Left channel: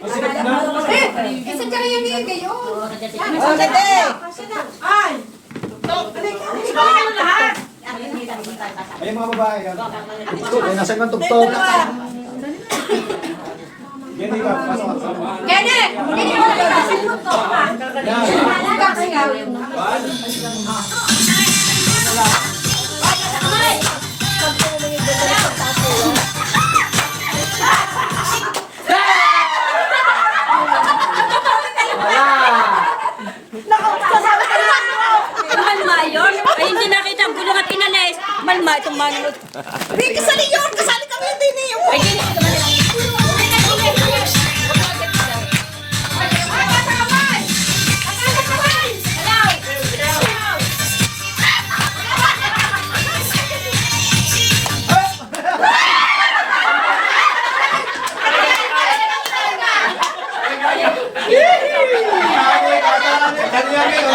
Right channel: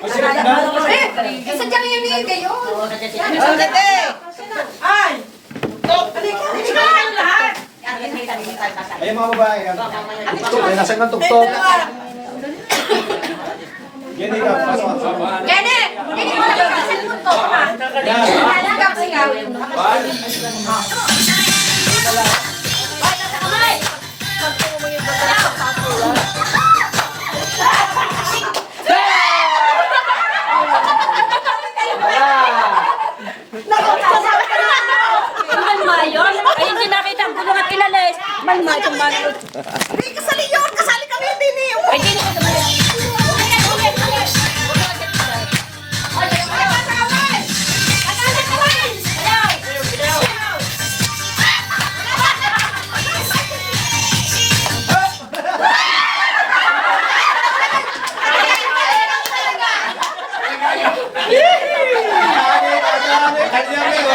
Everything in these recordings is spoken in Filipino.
Isa dyan yung bigay kayo. Ay! Ikaw ang lahat! Ayun mga babae. Ay, nasa ng tugtog. Yan ikaw. Kenneth! Hindi mo lang yung cellphone ko. Halagang siya. Malma yun. Ay, hindi nakita ang gulong at inalis. Malma itong mga... Hindi, kasali yun! Kasali kami din eh! Ay, hindi ko tumalis.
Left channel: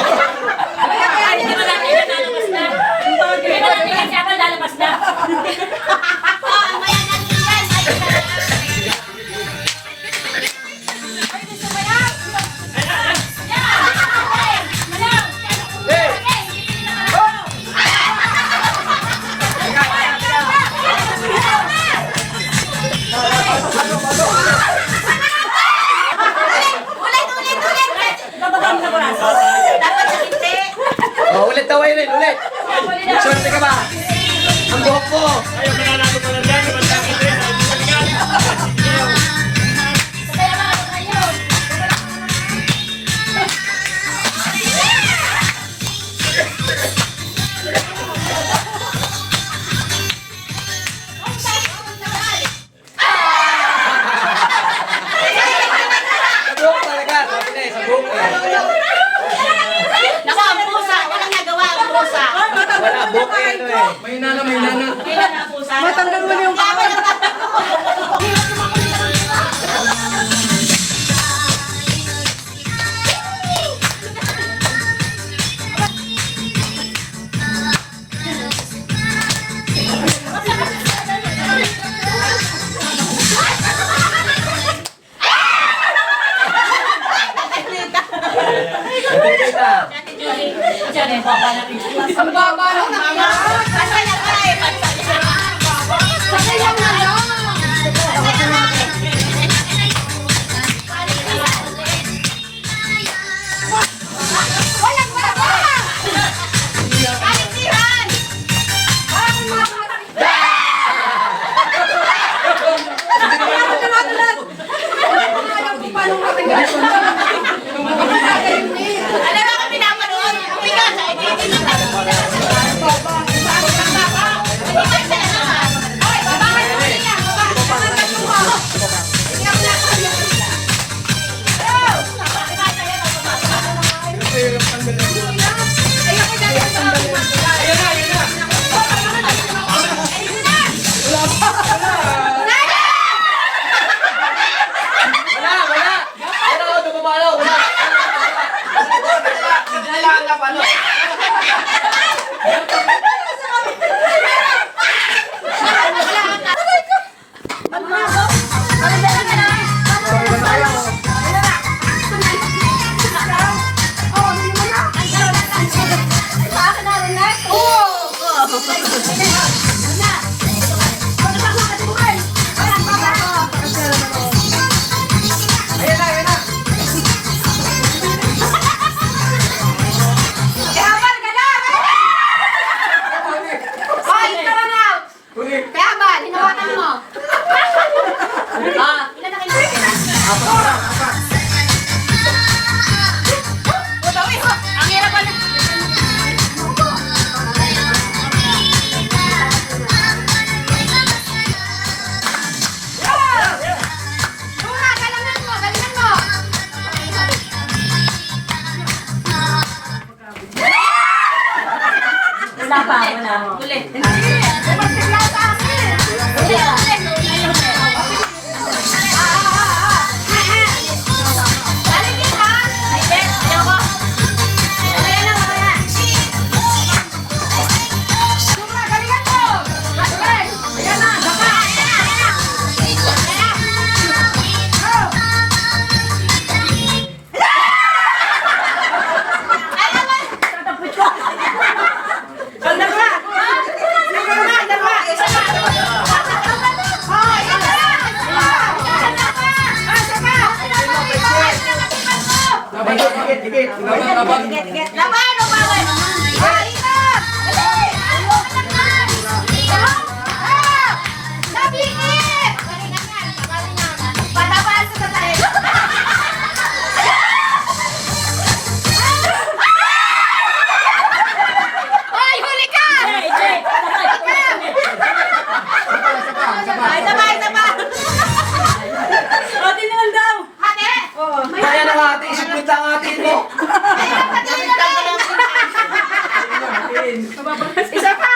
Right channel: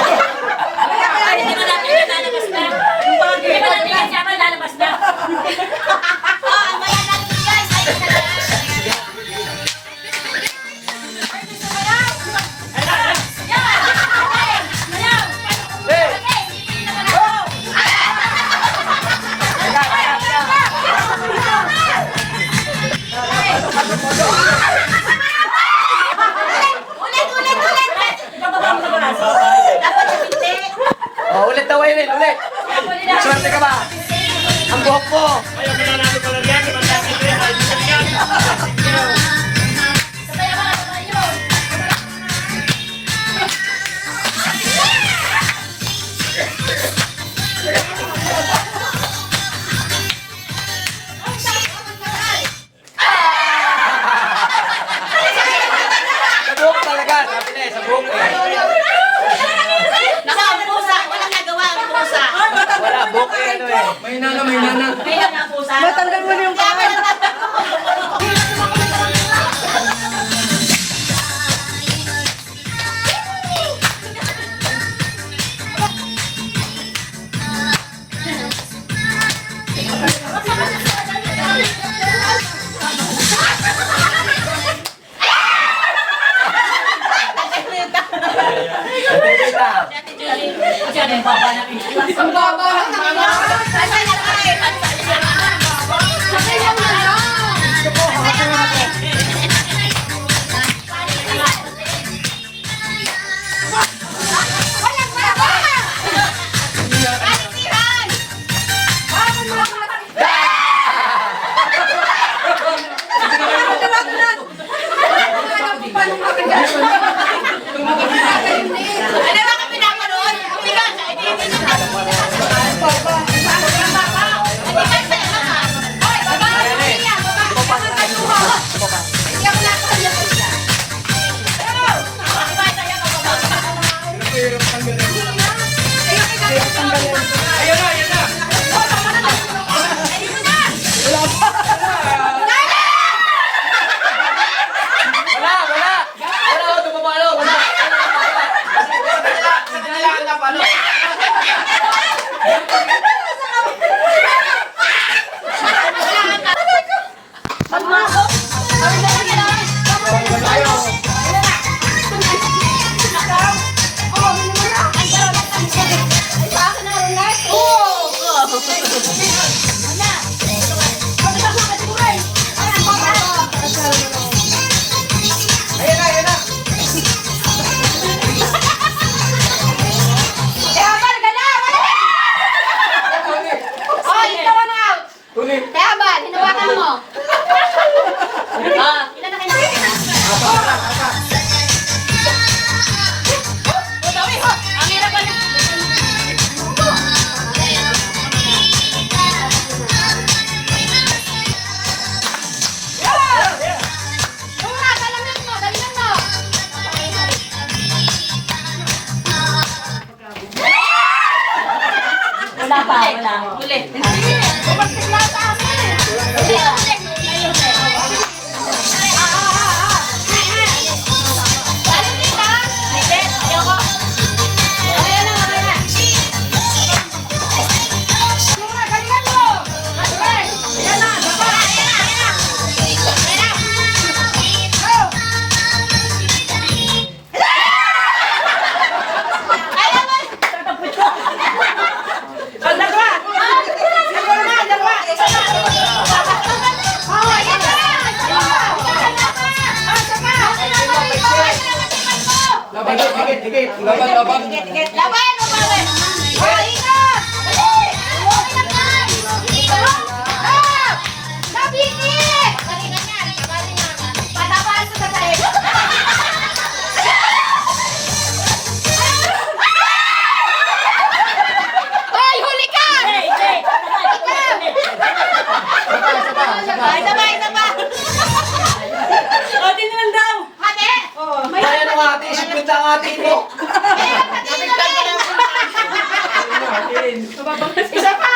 Ay, hindi mo natin yan lalabas na. Hindi mo natin yan siya lalabas na. Nabagam na braso. Dapat hindi. Oh, ulit daw, Ewen, ulit. Swerte ka ba? Ang buhok mo. Sa buhok talaga, sabi na eh, sa buhok eh. Nasa ang pusa. Walang nagawa ang pusa. Wala, buhok eh, ito eh. May nana, may nana. Kailan ang pusa? Matanggal mo na yung kamay! Sabi na. Diyan ang baba na rin. Ang baba lang naman. Sakay lang na lang. Walang baba! Kalitihan! Bakit mo ako paano makagalit? Ano ba kami pinapanood? Umiga sa edit. Wala, wala. Wala, dumamalo, wala. Kaya ba, hinawakan mo? Ilan na kayo Ang hirap pa Wala pa, wala. Ulit. Dikit. Laban o bawal? Ingat! Dali! Nabingit! Patabaas sa tayo. Ay, huli ka! Jay, Jay, Sabay, sabay, sabay. O, tingnan daw. Hati! Kaya na nga ate, isipit lang ate mo. Isa pa.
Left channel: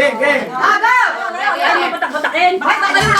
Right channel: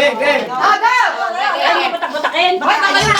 Game. Oh, go! Ay, batak-batakin. Bakit ba kayo